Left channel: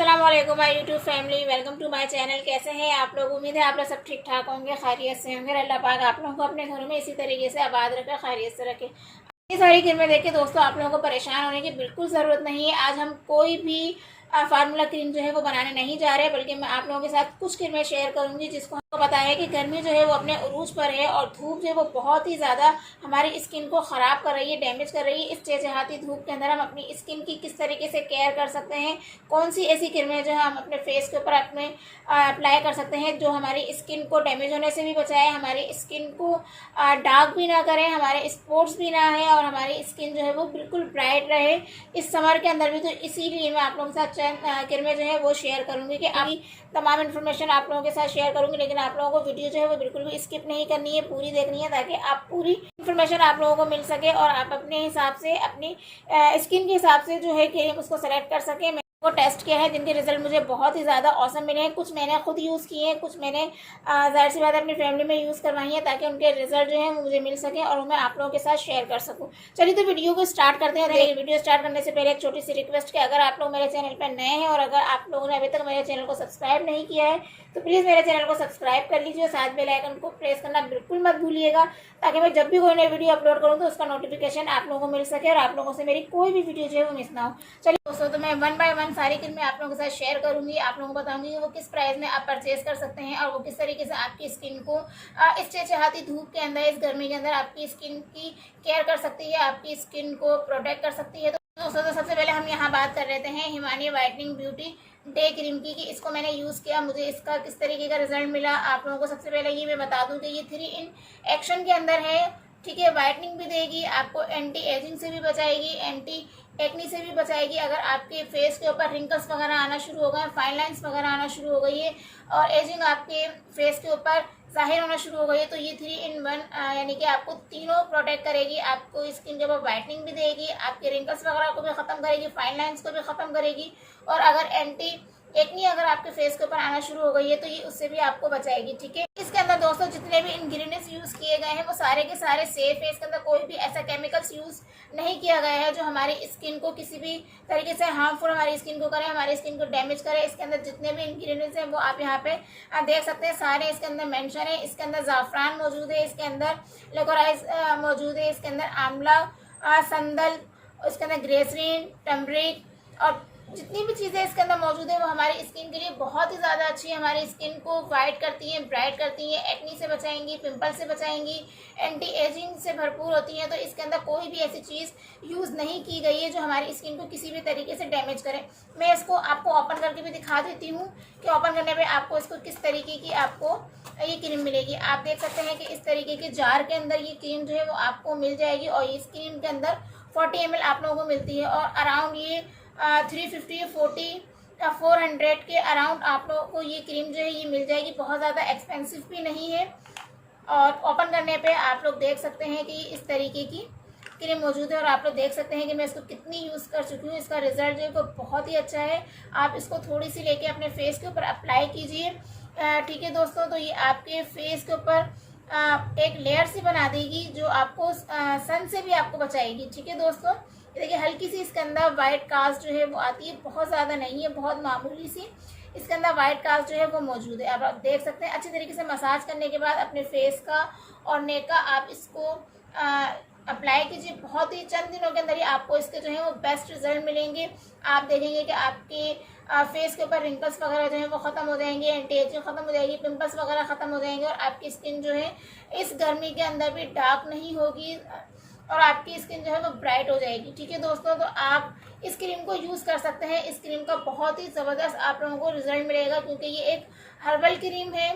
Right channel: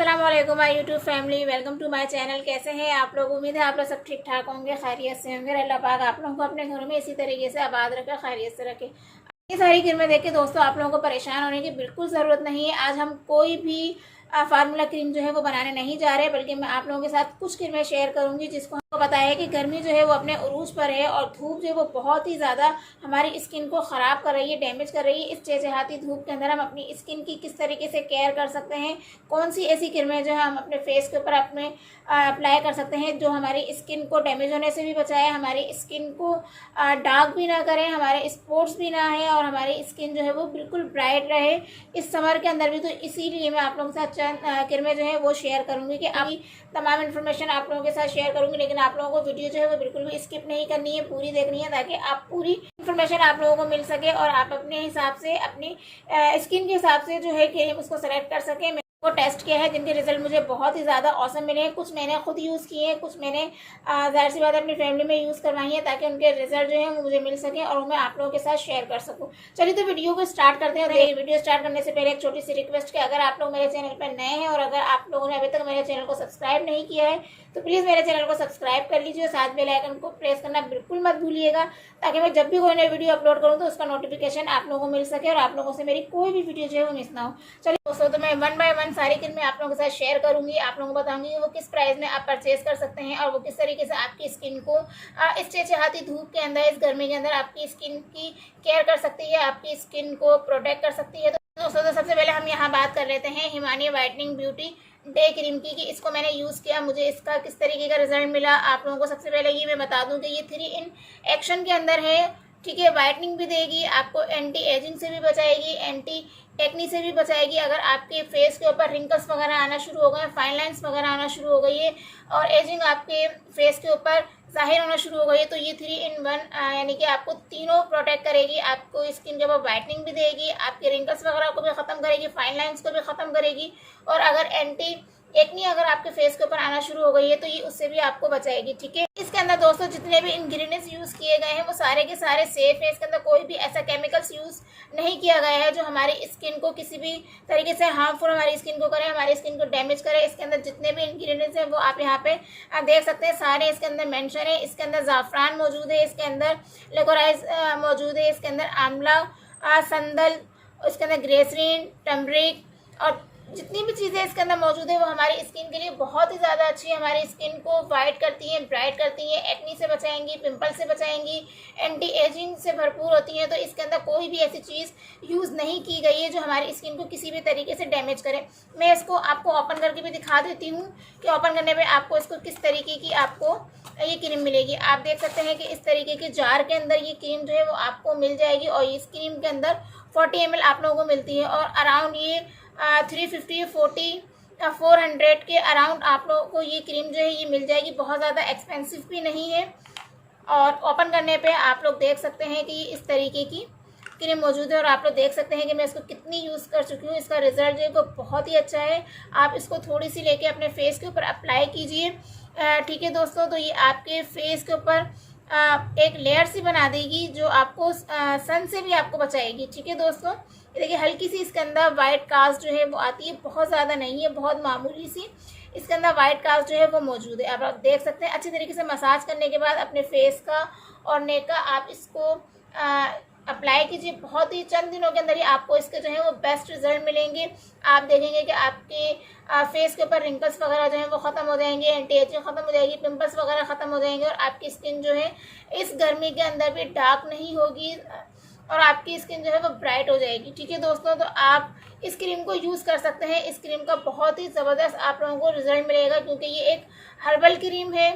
अस्सलामुअलैकुम my YouTube family, welcome to my channel. कैसे हैं आप लोग? उम्मीद है आप लोग सब ठीक ठाक होंगे, खैरियत से होंगे। अल्लाह पाक आप लोगों को अपने घरों में इसी तरीके से आबाद रखे, खैरियत से रखे। ये सारी क्रीमें देख के दोस्तों आप लोगों को परेशान होने की बिल्कुल ज़रूरत नहीं है। आज हम कोई भी फार्मूला क्रीम जो है वो बनाने नहीं जा रहे, बल्कि मैं आप लोगों के साथ कुछ क्रीमें शेयर करूंगी जिसको हमको पता है कि गर्मी जो है वो अपने उरूज पर है और धूप जो है वो बहुत ही ज़्यादा हमारी स्किन को ख़राब कर रही है, डैमेज कर रही है। इस चहचहाती धूप के अंदर हम अपनी स्किन की किस तरीके से केयर कर सकते हैं, कौन सी ऐसी क्रीमें जो है हम अपने फेस के ऊपर अपने अप्लाई कर सकते हैं जो हमारी स्किन को डैमेज होने से भी बचाए, हमारी स्किन को डार्क भी ना करें, हमारे स्पॉट्स भी ना है और हमारी स्किन जो है वो बिल्कुल ब्राइट रहे इस समर के अंदर भी। तो इसीलिए मैं आप लोगों के साथ चंद क्रीमें जो है वो शेयर करूंगी कि अभी तमाम इन्फॉर्मेशन आप लोगों के साथ शेयर करूंगी, लेकिन आप लोगों को वीडियो जो है वो बिल्कुल भी स्किप नहीं करनी है, पूरी देखनी है ताकि आप पूरी इन्फॉर्मेशन आप लोगों को मिल सके और आप अपने हिसाब से अपनी स्किन के हिसाब से जो है कि उसको सेलेक्ट कर सके। वो टेस्ट किया है जिनके रिजल्ट मुझे बहुत ही ज़्यादा औसम मिले हैं। कुछ मैंने खुद यूज़ किए हैं, कुछ मैंने जाहिर सी बात है अपनी फैमिली में यूज़ करवाई है ताकि उनके रिजल्ट जो है वो मुझे मिल सके और मैं आप लोगों के साथ शेयर कर सकूं। चलिए तो वीडियो को स्टार्ट करते हैं। वीडियो स्टार्ट करने से पहले एक छोटी सी रिक्वेस्ट कि अगर आप लोग मेरे चैनल पर नए हैं और अगर आप लोगों ने अभी तक मेरे चैनल को सब्सक्राइब नहीं किया है तो प्लीज़ मेरे चैनल को सब्सक्राइब कर लीजिए और साथ बेल आइकन को प्रेस करना बिल्कुल मत भूलिएगा ताकि मैं जब भी कोई नई वीडियो अपलोड करूँ तो उसका नोटिफिकेशन आप लोगों को मिल सके और आप लोगों से मेरी कोई भी वीडियो जो है वो मिस ना हो। चलिए दोस्तों, तो मैं वन बाय वन सारी क्रीमें आप लोगों के साथ शेयर करूंगी, आप लोगों को बताऊंगी कि वो किस प्राइस में आप परचेज कर सकते हैं और वो किस तरीके से आपकी स्किन को इस चहचहाती धूप के अंदर, इस गर्मी के अंदर आपकी स्किन की केयर कर सकती है, आपकी स्किन को प्रोटेक्ट कर सकती है। तो दोस्तों, तो सबसे पहले हम यहाँ बात कर लेते हैं Himalaya whitening beauty day cream की कि इसको मैंने यूज़ किया, मुझे इसका किस तरीके का रिजल्ट मिला। आप लोगों को सबसे पहले ये मैं बता दूं कि ये 3 इन एक्शन के अंदर है, ठीक है। वाइटनिंग भी देगी, आपको एंटी एजिंग से भी बचाएगी, एंटी एक्नी से भी बचाएगी। अगर आपके फेस के ऊपर रिंकल्स वगैरह आना शुरू हो गए, फाइन लाइन्स वगैरह आना शुरू हो गई है और एजिंग आपके फेस के ऊपर जाहिर होना शुरू हो गई है तो ये 3 इन 1 यानी कि आपको तीनों प्रोटेक्ट करेगी। आपको स्किन के ऊपर वाइटनिंग भी देगी, आपके रिंकल्स वगैरह को भी खत्म करेगी, फाइन लाइन्स को भी खत्म करेगी और अगर एंटी एक्नी अगर आपके फेस के ऊपर आना शुरू हो गई है तो ये उससे भी आपको बचाएगी, ठीक है। इसके अंदर दोस्तों जितने भी इंग्रेडिएंट्स यूज किए गए हैं वो सारे के सारे सेफ है। इसके अंदर कोई भी ऐसा केमिकल्स यूज नहीं किया गया है जो हमारी स्किन को किसी भी तरीके से हार्मफुल हमारी स्किन को करे, हमारी स्किन को डैमेज करे। इसके अंदर जितने भी इंग्रेडिएंट्स हैं वो आप यहाँ पे देख सकते हैं, सारे इसके अंदर मेंशन है। इसके अंदर जाफरान मौजूद है, इसके अंदर लिकोराइज मौजूद है, इसके अंदर आंवला, संदल, इसके अंदर ग्रेसरीन, टर्मरिक और जितनी भी चीज़ें इसके अंदर मौजूद है वो हमारी स्किन के लिए बहुत ही ज़्यादा अच्छी है। हमारी स्किन को वाइट करती हैं, ब्राइट करती हैं, एक्नी से बचाएंगी, पिंपल से बचाएंगी, एंटी एजिंग से भरपूर होती हैं। तो इसके अंदर कोई भी ऐसी चीज़ यूज़ नहीं की गई है जो हमारी स्किन को किसी भी तरीके से डैमेज करे। मैं इसको आपको ओपन करके भी दिखा देती हूँ कि ओपन करने पर आपको इसको किस तरीके की आपको ये क्रीम मिलेगी। आप देख सकते हैं कि इस तरीके के जार के अंदर ये क्रीम जो है वो आपको मिल जाएगी और इस क्रीम के अंदर 40 ml आप लोगों को मिलती है और अराउंड ये 350 40 400 के अराउंड आप लोगों को ये क्रीम जो है ये मिल जाएगी। बहुत ज़्यादा एक्सपेंसिव भी नहीं है और ओपन करने पे आप लोग देख सकते हैं कि इस तरीके की क्रीम मौजूद है और आप लोग देख सकते हैं कि मैं इसको कितनी यूज़ कर चुकी हूँ। इसका रिजल्ट जो है वो बहुत ही अच्छा है। आप इसको थोड़ी सी लेके अपने फेस के ऊपर अप्लाई कीजिए, ठीक है दोस्तों। तो ये आपके फेस के ऊपर एक लेयर सी बना देगी जो आपको सन से भी आपको बचाएगी, ठीक है दोस्तों। देखिए हल्की सी इसके अंदर वाइट कास्ट जो है वो आती है, बहुत ज़्यादा नहीं है, बहुत मामूली सी इसके अंदर वाइट कास्ट जो है वो मौजूद है। आप देख सकते हैं। अच्छी तरीके से मसाज करने के बाद अपने फेस का और नेक का आप इसको अप्लाई कीजिए। बहुत ही चंद दिनों के अंदर ही आपको इसके जो है वो बेस्ट रिजल्ट मिलेंगे। आप देखेंगे कि आपके फेस के ऊपर रिंकल्स वगैरह जो है वो खत्म हो जाएंगे, एंटी एजिंग खत्म हो जाएगी, पिंपल्स वगैरह खत्म हो जाएंगे और आपकी स्किन जो है इस गर्मी के अंदर भी डार्क नहीं होगी और आपकी स्किन जो है वो ब्राइट हो जाएगी, ठीक है दोस्तों। तो आप इस क्रीम को यूज़ कर सकते हैं। इस क्रीम का बहुत ही ज़बरदस्त आप लोगों को रिजल्ट मिलेगा क्योंकि ये एक हर्बल क्रीम है,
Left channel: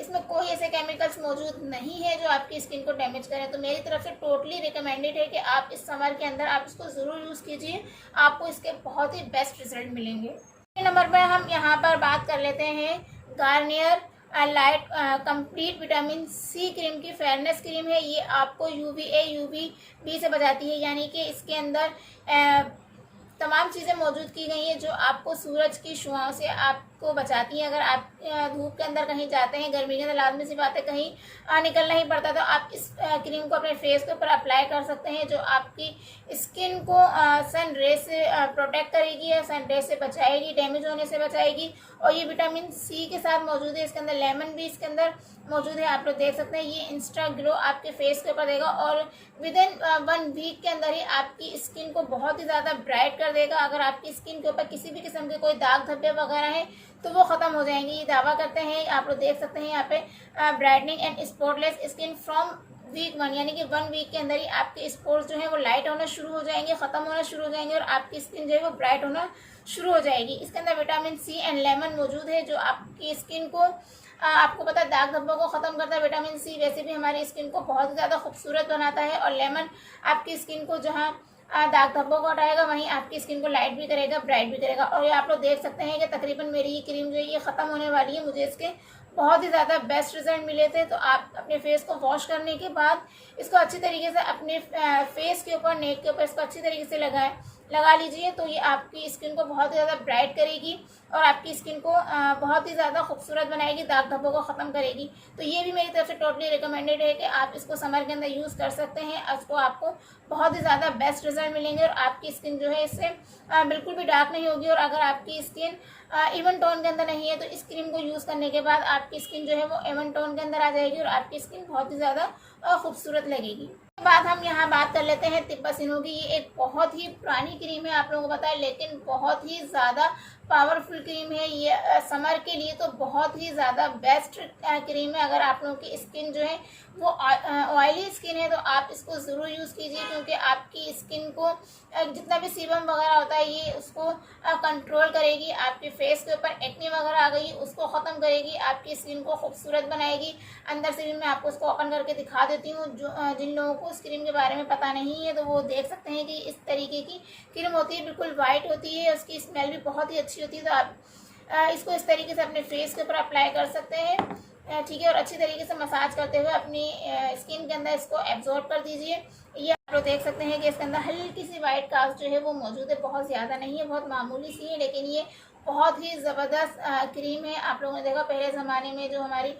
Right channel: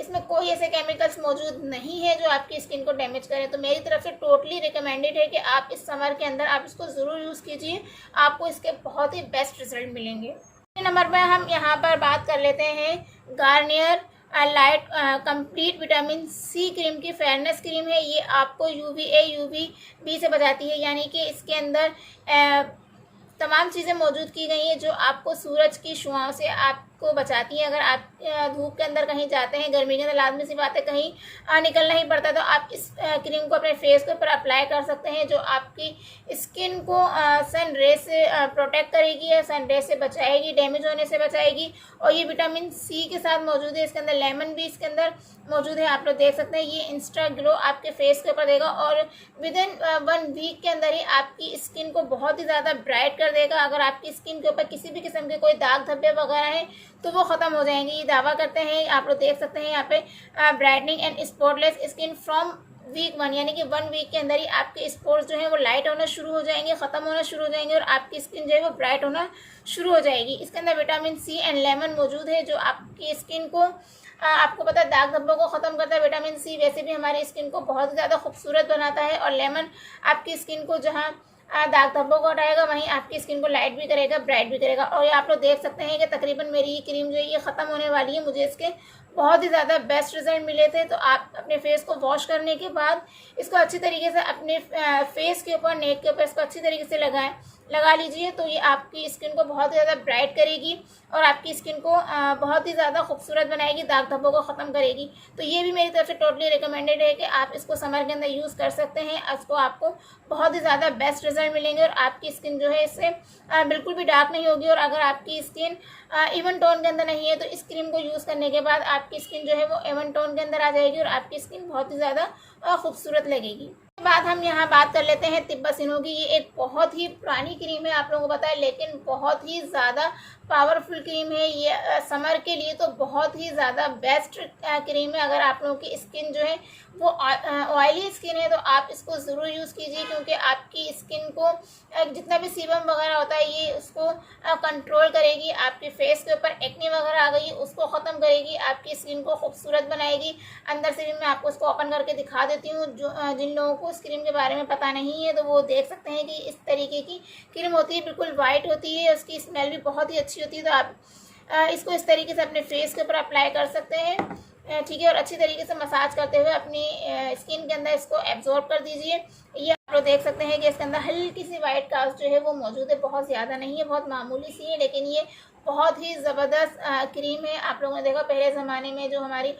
इसमें कोई ऐसे केमिकल्स मौजूद नहीं है जो आपकी स्किन को डैमेज करें। तो मेरी तरफ से टोटली रिकमेंडेड है कि आप इस समर के अंदर आप इसको ज़रूर यूज़ कीजिए, आपको इसके बहुत ही बेस्ट रिजल्ट मिलेंगे। दूसरे नंबर पर हम यहाँ पर बात कर लेते हैं Garnier light complete vitamin C cream की फेयरनेस क्रीम है। ये आपको UVA UVB से बचाती है, यानी कि इसके अंदर तमाम चीज़ें मौजूद की गई हैं जो आपको सूरज की शुआओं से, आप को बचाती हैं। अगर आप धूप के अंदर कहीं जाते हैं, गर्मी के अंदर लाजमी सी बात है कहीं निकलना ही पड़ता है, तो आप इस क्रीम को अपने फेस के ऊपर अप्लाई कर सकते हैं, जो आपकी स्किन को सन रे से प्रोटेक्ट करेगी, सन रे से बचाएगी, डैमेज होने से बचाएगी। और ये विटामिन सी के साथ मौजूद है, इसके अंदर लेमन भी इसके अंदर मौजूद है, आप लोग देख सकते हैं। ये इंस्टा ग्लो आपके फेस के ऊपर देगा और विद इन 1 वीक के अंदर ही आपकी स्किन को बहुत ही ज़्यादा ब्राइट कर देगा। अगर आपकी स्किन के ऊपर किसी भी किस्म के कोई दाग धब्बे वगैरह हैं तो वो ख़त्म हो जाएंगे। ये दावा करते हैं, आप लोग देख सकते हैं यहाँ पे, brightening and spotless skin from week 1, यानी कि 1 वीक के अंदर ही आपके स्पॉट्स जो है वो लाइट होना शुरू हो जाएंगे, ख़त्म होना शुरू हो जाएंगे और आपकी स्किन जो है वो ब्राइट होना शुरू हो जाएगी। इसके अंदर विटामिन सी एंड लेमन मौजूद है, जो आपकी स्किन को आपको पता है दाग धब्बों को ख़त्म करता है। विटामिन सी वैसे भी हमारी स्किन को बहुत ज़्यादा खूबसूरत बनाता है और लेमन आपकी स्किन को जहाँ दाग धब्बों को हटाएगा वहीं आपकी स्किन को लाइट भी करेगा, ब्राइट भी करेगा। और ये आप लोग देख सकते हैं कि तकरीबन मेरी ये क्रीम जो है ये ख़त्म होने वाली है। मुझे इसके बहुत ही ज़्यादा बेस्ट रिजल्ट मिले थे। तो आप अपने फेस को वॉश करने के बाद इसको अच्छी तरीके से अपने फेस के ऊपर, नेक के ऊपर इसको अच्छी तरीके से लगा लीजिए, तो ये आपकी स्किन को बहुत ज़्यादा ब्राइट करेगी और आपकी स्किन को बहुत ही ज़्यादा खूबसूरत बनाएगी, दाग धब्बों को ख़त्म करेगी। तो ये भी मेरी तरफ से टोटली रिकमेंडेड है कि आप इसको समर के अंदर यूज़ कर सकते हैं। इसको आपको बहुत ही ज़्यादा बेस्ट रिजल्ट मिलेंगे और आपकी स्किन जो है इससे बिल्कुल भी डार्क नहीं होगी। और अगर आपकी स्किन इवन टोन के अंदर नहीं है तो इस क्रीम को यूज़ करने के बाद आपकी स्किन जो है वो इवन टोन के अंदर आ जाएगी और आपकी स्किन बहुत ही ज़्यादा खूबसूरत लगेगी। बाद हम यहाँ बात कर लेते हैं तिब्बसिनो की। ये एक बहुत ही पुरानी क्रीम है, आप लोगों को पता है, लेकिन बहुत ही ज़्यादा पावरफुल क्रीम है। ये समर के लिए तो बहुत ही ज़्यादा बेस्ट क्रीम है। अगर आप लोगों की स्किन जो है वो ऑयली स्किन है तो आप इसको ज़रूर यूज़ कीजिए, क्योंकि आपकी स्किन को जितना भी सीबम वगैरह होता है ये उसको कंट्रोल करेगी। आपके फेस के ऊपर एक्ने वगैरह आ गई उसको ख़त्म करेगी, आपकी स्किन को खूबसूरत बनाएगी। अंदर से भी मैं आपको इसको ओपन करके दिखा देती हूँ। जो जिन लोगों को इस क्रीम के बारे में पता नहीं है तो वो देख सकते हैं कि इस तरीके की क्रीम होती है, बिल्कुल वाइट होती है, उसकी स्मेल भी बहुत ही अच्छी होती है। तो आप इसको इस तरीके से अपने फेस के ऊपर अप्लाई कर सकते हैं, ठीक है, और अच्छी तरीके से मसाज करते हुए अपनी स्किन के अंदर इसको एब्जॉर्ब कर दीजिए। ये आप लोग देख सकते हैं कि इसके अंदर हल्की सी वाइट कास्ट जो है वो मौजूद है, बहुत ज़्यादा नहीं है, बहुत मामूली सी है, लेकिन ये बहुत ही ज़बरदस्त क्रीम है। आप लोगों ने देखा पहले ज़माने में जो हमारी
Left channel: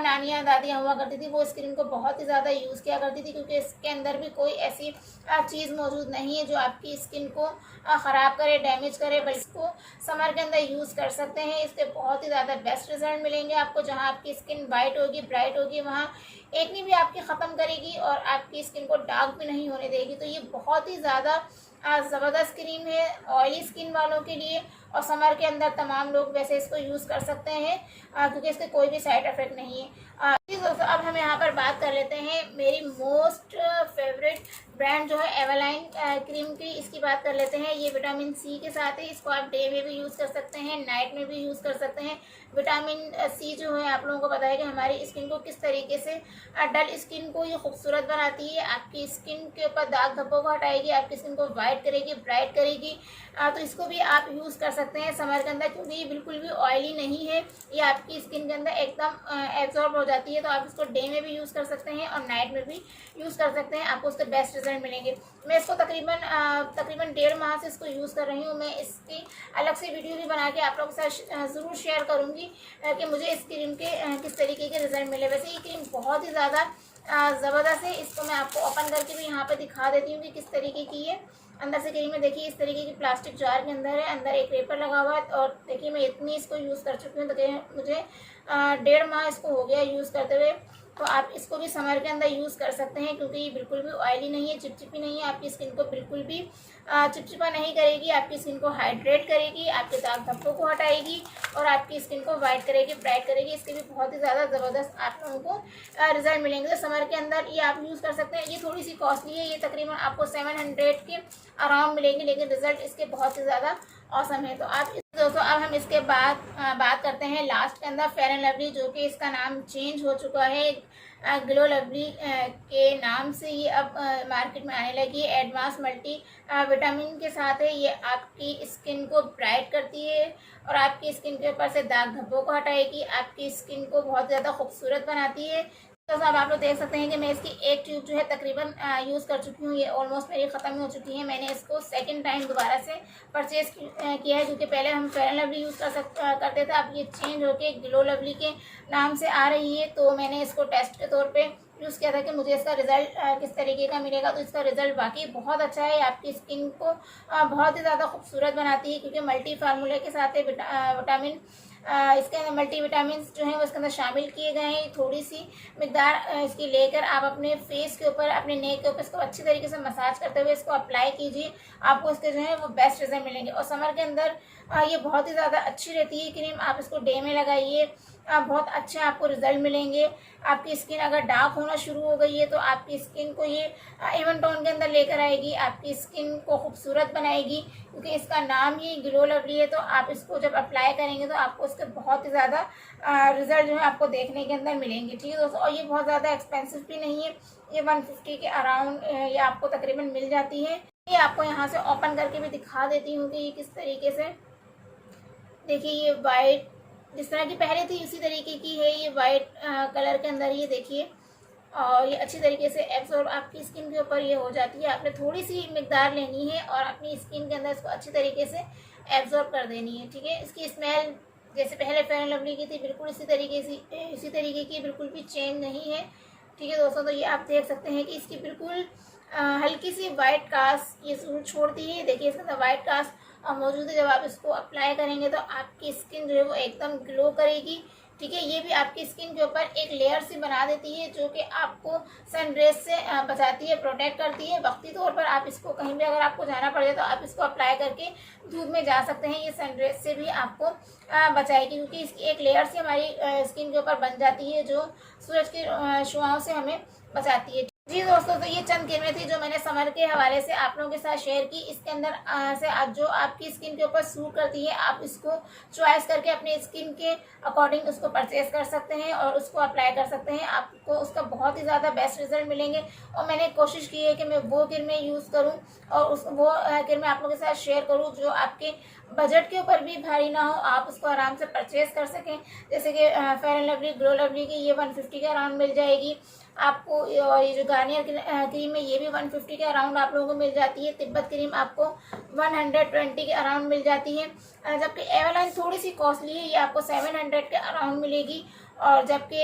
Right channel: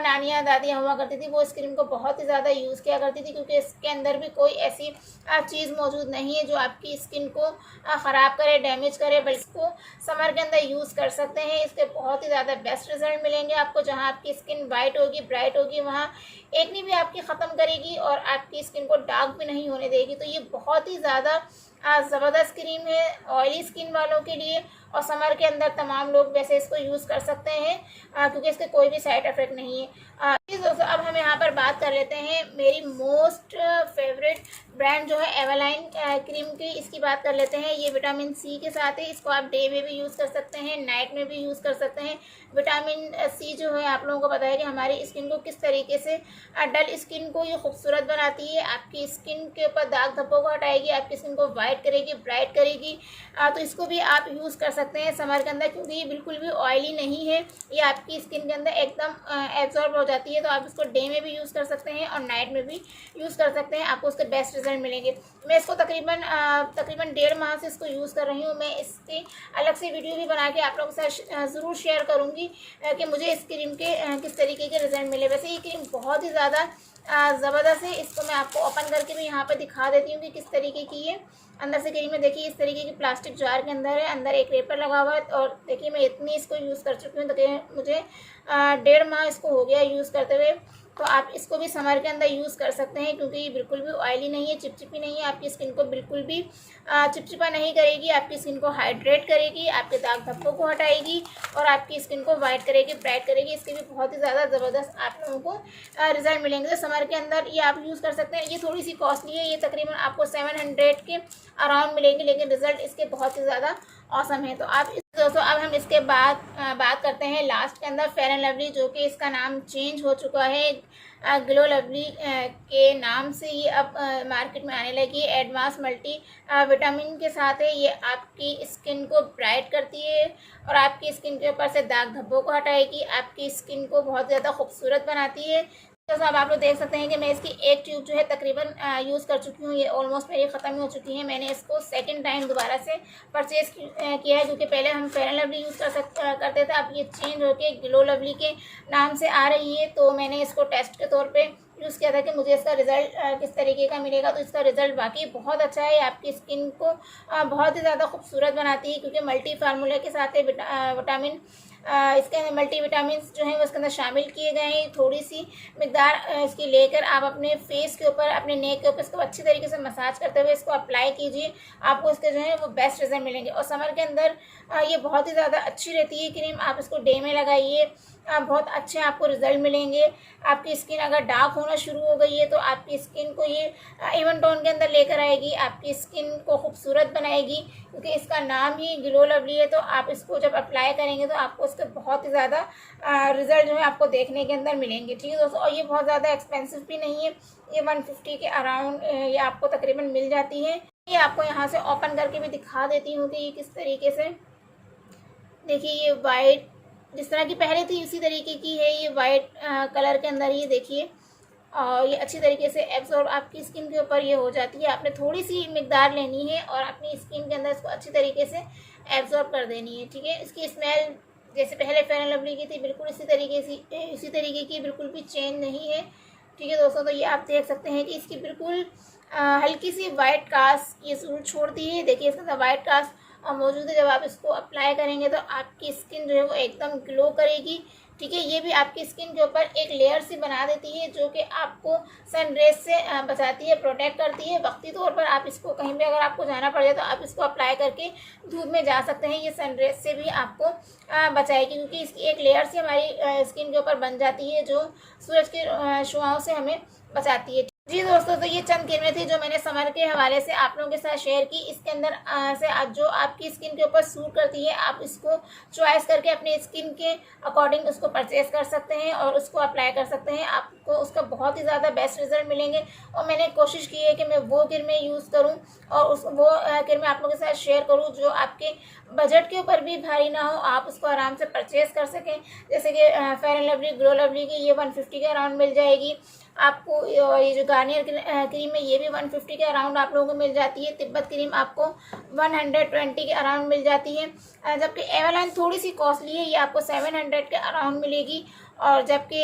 नानियाँ दादियाँ हुआ करती थी वो इस क्रीम को बहुत ही ज़्यादा यूज़ किया करती थी, क्योंकि इसके अंदर भी कोई ऐसी चीज़ मौजूद नहीं है जो आपकी स्किन को ख़राब करे, डैमेज करे। बट इसको समर के अंदर यूज़ कर सकते हैं, इसके बहुत ही ज़्यादा बेस्ट रिजल्ट मिलेंगे आपको। जहाँ आपकी स्किन वाइट होगी, ब्राइट होगी, वहाँ एक्ने भी आपकी ख़त्म करेगी और आपकी स्किन को डार्क भी नहीं होने देगी। तो ये बहुत ही ज़्यादा ज़बरदस्त क्रीम है ऑयली स्किन वालों के लिए, और समर के अंदर तमाम लोग वैसे इसको यूज़ कर सकते हैं क्योंकि इसके कोई भी साइड इफ़ेक्ट नहीं है। दोस्तों अब हम यहाँ पर बात कर लेते हैं मेरी मोस्ट फेवरेट ब्रांड जो है एवरलाइन क्रीम की, इसकी बात कर लेते हैं। ये विटामिन सी के साथ है, इसको आप डे में भी यूज़ कर सकते हैं, नाइट में भी यूज़ कर सकते हैं। विटामिन सी जो है आप लोगों को पता है कि हमारी स्किन को किस तरीके से डल स्किन को ये खूबसूरत बनाती है, आपकी स्किन के ऊपर दाग धब्बों को हटाएगी, आपकी स्किन को वाइट करेगी, ब्राइट करेगी। तो इसको भी आप यूज़ कर सकते हैं समर के अंदर, क्योंकि ये बिल्कुल भी ऑयली नहीं है, ये आपकी स्किन के अंदर एकदम एब्जॉर्ब हो जाती है। तो आप इसको डे में भी यूज़ कर सकते हैं और नाइट में भी यूज़ कर सकते हैं, आपको उसके बेस्ट रिजल्ट मिलेंगे। मैं इसको तकरीबन 1.5 माह से इसको यूज़ कर रही हूँ। मैं इसकी अलग से वीडियो भी बना के आप लोगों के साथ ज़रूर शेयर करूँगी कि मुझे इस क्रीम के किस तरीके के रिजल्ट मिले। वैसे ये क्रीम बहुत ही ज़्यादा ज़बरदस्त है। इसको मैं आपको ओपन करके भी यहाँ पे दिखा देती हूँ कि किस तरीके की है। अंदर से क्रीम में देखिए इस तरीके की प्लास्टिक जार के अंदर है, अंदर एक पेपर लगा हुआ है। और देखिए मैं इतनी इसको यूज़ कर चुकी हूँ, तो मुझे 1.5 माह इसको हो गया यूज़ करते हुए। तो आप इसको भी समर के अंदर यूज़ कर सकते हैं, क्योंकि ये बिल्कुल भी ऑयली नहीं है, चिपचिपी नहीं है, आपकी स्किन को बिल्कुल भी चिपचिपा नहीं करेगी, आपकी स्किन को हाइड्रेट करेगी, आपके दाग धब्बों को हटाएगी और आपकी स्किन को वाइट करेगी, ब्राइट करेगी। इसके भी बहुत ही ज़्यादा ज़बरदस्त आप लोगों को रिजल्ट मिलेंगे। तो समर के अंदर ये आप यूज़ कर सकते हैं। ये थोड़ी सी कॉस्टली है, ये तकरीबन आपको 700 के अराउंड मिलेगी, लेकिन रिजल्ट इसके बहुत ही ज़्यादा औसम है। तो आप दोस्तों अब हम इसके बाद बात करते हैं लास्ट के अंदर फेयर एंड लवली, जो कि इसका नाम चेंज हो चुका है, ग्लो लवली के नाम से ये अब मार्केट में आने लगी। एडवांस मल्टी विटामिन के साथ है, ये आपकी स्किन को ब्राइट करती है और आपकी स्किन के ऊपर से दाग धब्बों को हटाएगी, आपकी स्किन को बहुत ज़्यादा खूबसूरत बनाती है। तो अब आप लोग देख सकते हैं कि मैं इसकी एक ट्यूब जो है तकरीबन यूज़ कर चुकी हूँ। ये ऑलमोस्ट मेरी ख़त्म हो चुकी है। मैंने इसको सेकंड टाइम दोबारा से परचेज़ किया है, क्योंकि पहले हम फेयर एंड लवली यूज़ करते थे। अब ये चेंज होके ग्लो लवली के नाम से आ रही है। तो मैंने इसको टेस्ट के तौर पर यूज़ किया था कि मुझे इसका रिज़ल्ट किस तरीके का मिलेगा। तो इसका रिज़ल्ट वाकई बहुत अच्छा है। आपकी स्किन को बहुत ही ज़्यादा खूबसूरत बनाती है, क्योंकि मल्टी फार्मूला के साथ विटामिन इसके मल्टी विटामिन जो है वो इसके अंदर शामिल किए गए हैं। थोड़ी सी मिकदार इसकी लेकर आप अपने फेस के ऊपर, अपने नेक के ऊपर इसको अच्छी तरीके से मसाज करते हुए इसको अप्लाई कीजिए। आपको इसके जो है वो बेस्ट रिजल्ट मिलेंगे। और समर के अंदर ये बहुत ही ज़्यादा अच्छी रहती है क्रीम। आप इसको डे में लगाइए, बहुत अच्छे आपको रिजल्ट मिलेंगे। आपकी स्किन अगर डार्क होना शुरू हो गई है तो आपकी स्किन को ये इवन टोन के अंदर लेकर आएगी, आपकी स्किन को खूबसूरत बनाएगी, क्योंकि इसका नाम ही ग्लो लवली है। तो आप इसको जब अप्लाई करेंगे तो आपको इसके बहुत ही ज़्यादा रिजल्ट जो है आपको देखने के अंदर मिलेंगे। ठीक है दोस्तों, और ये बहुत ज़्यादा एक्सपेंसिव भी नहीं है। ये 150 के अराउंड ये आपको तकरीबन मिल जाती है। ये आपको यहाँ से ओपन करके भी दिखा देती हूँ कि ये किस तरीके से, देखिए ये वाइट जिस तरह की पहले थी उसी तरीके की है। ये वाइट कलर के अंदर ये देखिए, और ये अच्छी तरीके से एब्जॉर्ब आपकी स्किन के ऊपर ये हो जाती है। आपने थोड़ी सी मिकदार लेनी है और अपनी स्किन के अंदर इसको अच्छी तरीके से एब्जॉर्ब कर देनी है। ठीक है, इसकी स्मेल जैसे पहले फेयर एंड लवली की थी बिल्कुल इसी तरीके की बिल्कुल भी चेंज नहीं है। ठीक है दोस्तों, तो ये आप देख सकते हैं कि इसकी बिल्कुल हल्की सी वाइट कास्ट ये छोड़ती है। देखिए इसके अंदर वाइट कास्ट मौजूद है। जब आप इसको अप्लाई करेंगे तो आपकी स्किन जो है वो एकदम ग्लो करेगी। ठीक है, ये भी आपकी स्किन के ऊपर एक लेयर सी बना देती है, जो कि आपको सनरेज से बचाती है, प्रोटेक्ट करती है। वक्ती तौर पर आप इसको कहीं भी अगर आपको जाना पड़ जाए तो आप इसको अप्लाई करके धूप में जा सकते हैं। ये सनरेज से भी आपको बचाएगी, क्योंकि इसकी एक लेयर से हमारी स्किन के ऊपर बन जाती है, जो सूरज की शुआओं से हमें बचाती है। जी दोस्तों, तो ये चंद क्रीमें थी जो मैंने समर के हवाले से आप लोगों के साथ शेयर की। इसके अंदर से आप जो आपकी स्किन के ऊपर सूट करती है आप इसको चॉइस करके अपने स्किन के अकॉर्डिंग उसको परचेज कर सकते हैं और उसको अप्लाई कर सकते हैं। आपको उसका बहुत ही ज़्यादा बेस्ट रिजल्ट मिलेंगे। और मैंने कोशिश की है कि मैं वो क्रीमें यूज़ करूँ और वो क्रीमें आप लोगों के साथ शेयर करूँ जो आपके बजट के ऊपर भी भारी ना हो, आप उसको आराम से परचेज कर सकें। जैसे कि fair and lovely glow lovely की ये 150 के अराउंड मिल जाएगी आपको। ये जो गार्नियर क्रीम है ये भी 150 के अराउंड आप लोगों को मिल जाती है। तिब्बत क्रीम आपको 120 के अराउंड मिल जाती है, जबकि एवरलाइन थोड़ी सी कॉस्टली है, ये आपको 700 के अराउंड मिलेगी। और जबकि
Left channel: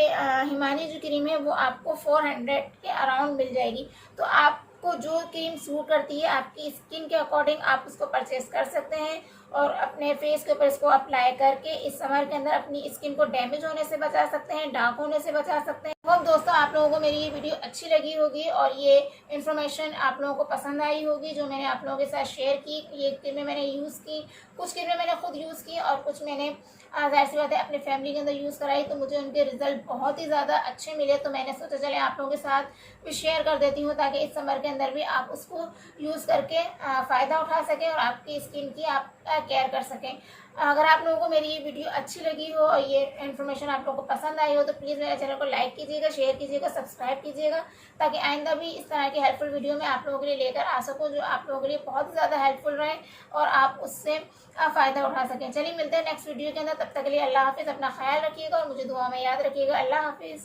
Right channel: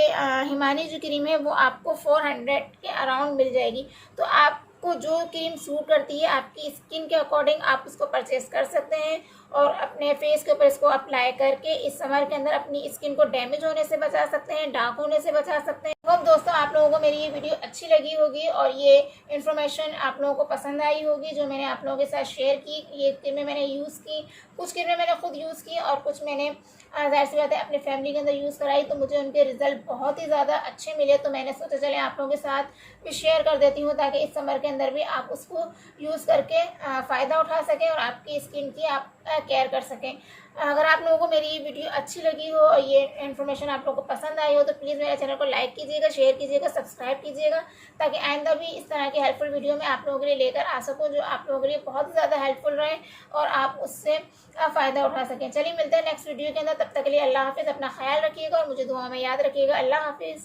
हिमानी जो क्रीम है वो आपको 400 के अराउंड मिल जाएगी। तो आपको जो क्रीम सूट करती है आपकी स्किन के अकॉर्डिंग आप उसको परचेज कर सकते हैं और अपने फेस के ऊपर इसको अप्लाई करके इस समर के अंदर अपनी स्किन को डैमेज होने से बचा सकते हैं, डार्क होने से बचा सकते हैं। तो दोस्तों, आप लोगों को मेरी ये वीडियो अच्छी लगी होगी और ये इन्फॉर्मेशन आप लोगों को पसंद आई होगी जो मैंने आप लोगों के साथ शेयर की। ये क्रीमें मैंने यूज़ की, कुछ क्रीमें मैंने खुद यूज़ की और कुछ मैंने ज़ाहिर सी बात है अपने फैमिली के अंदर यूज़ कराई, तो मुझे उनके रिजल्ट बहुत ही ज़्यादा अच्छे मिले। तो मैंने सोचा चले आप लोगों के साथ भी शेयर कर देती हूँ, ताकि इस समर के अंदर भी आप उसको यूज़ करके फ़ायदा उठा सकें और आपकी स्किन की आप केयर कर सकें। अगर आप लोगों को मेरी ये वीडियो अच्छी लगी हो और ये इन्फॉर्मेशन आप लोगों को पसंद आई हो तो प्लीज़ मेरे चैनल को लाइक कीजिएगा, शेयर कीजिएगा, सब्सक्राइब कीजिएगा, ताकि आइंदा भी इस तरह की हेल्पफुल वीडियो मैं आप लोगों के लिए लेकर आ सकूं जो आप लोगों के लिए बहुत ज़्यादा हेल्पफुल रहे और आप उससे फ़ायदा उठा सकें। चलिए मिलते हैं नेक्स्ट वीडियो के अंदर, तब तक के लिए अल्लाह हाफिज़। अपना ख्याल रखिएगा और मुझे दुआ में याद रखिएगा। अल्लाह हाफिज़।